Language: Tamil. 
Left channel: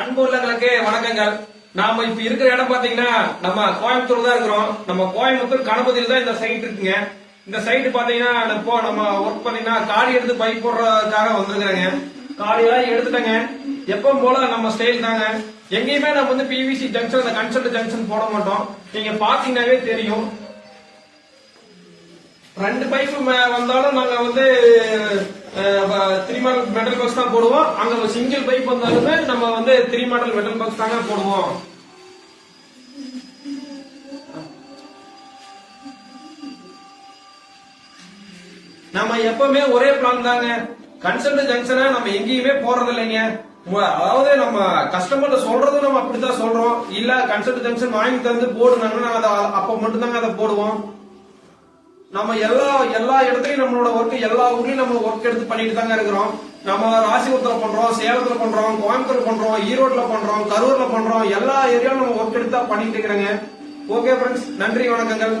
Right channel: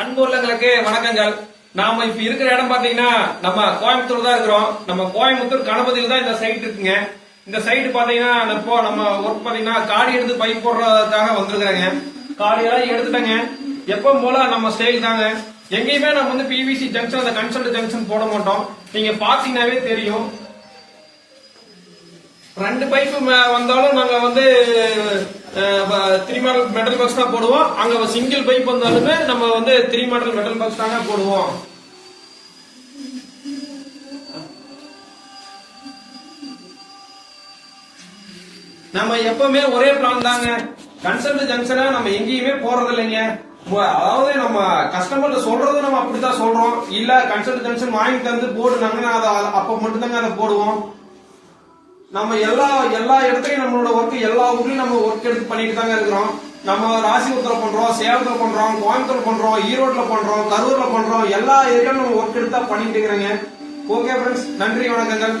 அன்பு உள்ளங்களுக்கு வணக்கங்கள். நாம இப்ப இருக்கிற இடம் பாத்தீங்கன்னா நம்ம கோயம்புத்தூர் தான் இருக்கிறோம். நம்ம கோயம்புத்தூர் கணபதியில் தான் இந்த சைட் இருக்குங்க. இந்த சைட் பாத்தீங்கன்னா இப்போ நம்ம ஒர்க் பாத்தீங்கன்னா காடி எடுத்து பைப் போடுறதுக்காக வந்திருக்காங்க. காடியெல்லாம் எடுத்துட்டாங்க. எப்பவும் போல நம்ம ஸ்டைல் தாங்க. எங்கேயுமே நம்ம வந்து பிவிசி ஜங்ஷன் அந்த கன்சல்ட் ஜங்ஷன் போட மாட்டோம். நீங்க பாத்தீங்கன்னாவே தெரியும். ரெண்டு பைப் வந்தாலும் நாங்க வந்து 3 மாடல் மெட்டல் பாக்ஸ் தான் போடுவோம். அங்க சிங்கிள் பைப் வந்தாலுமே நம்ம வந்து 3 மாடல் மெட்டல் பாக்ஸ் தாங்க போடுவோம். நம்ம எப்பவுமே ஒரே பிளான் தாங்க. கன்சல்ட் ஜங்ஷனை நம்ம எங்கேயுமே போறது இல்லைங்க. அதாவது நம்ம கஸ்டமர்ல சொல்றது நம்ம அப்படித்தான் சொல்றோம். இல்ல கன்சல்ட் ஜங்ஷன் வாங்கி தந்து போடுனாங்கன்னா அப்ப மட்டும் தாங்க அதை போடுவோம். நம்ம எல்லா இடத்துலயும் நம்மளோட ஒர்க் எல்லா ஊர்லயும் நம்ம ஒர்க் எடுத்து பண்ணிட்டு தாங்க இருக்கிறோம். நம்ம ராசிபுரத்துல பண்றோம், சேலத்துல பண்றோம், கோயம்புத்தூர் பண்றோம், ஈரோட்ல பண்றோம், கரூர்ல பண்றோம். எல்லா ஏரியாவும் நம்ம ஒர்க் எடுத்து பண்ணிட்டு இருக்கிறோங்க. ஓகே ஃப்ரெண்ட்ஸ், நன்றி, வணக்கங்கள்.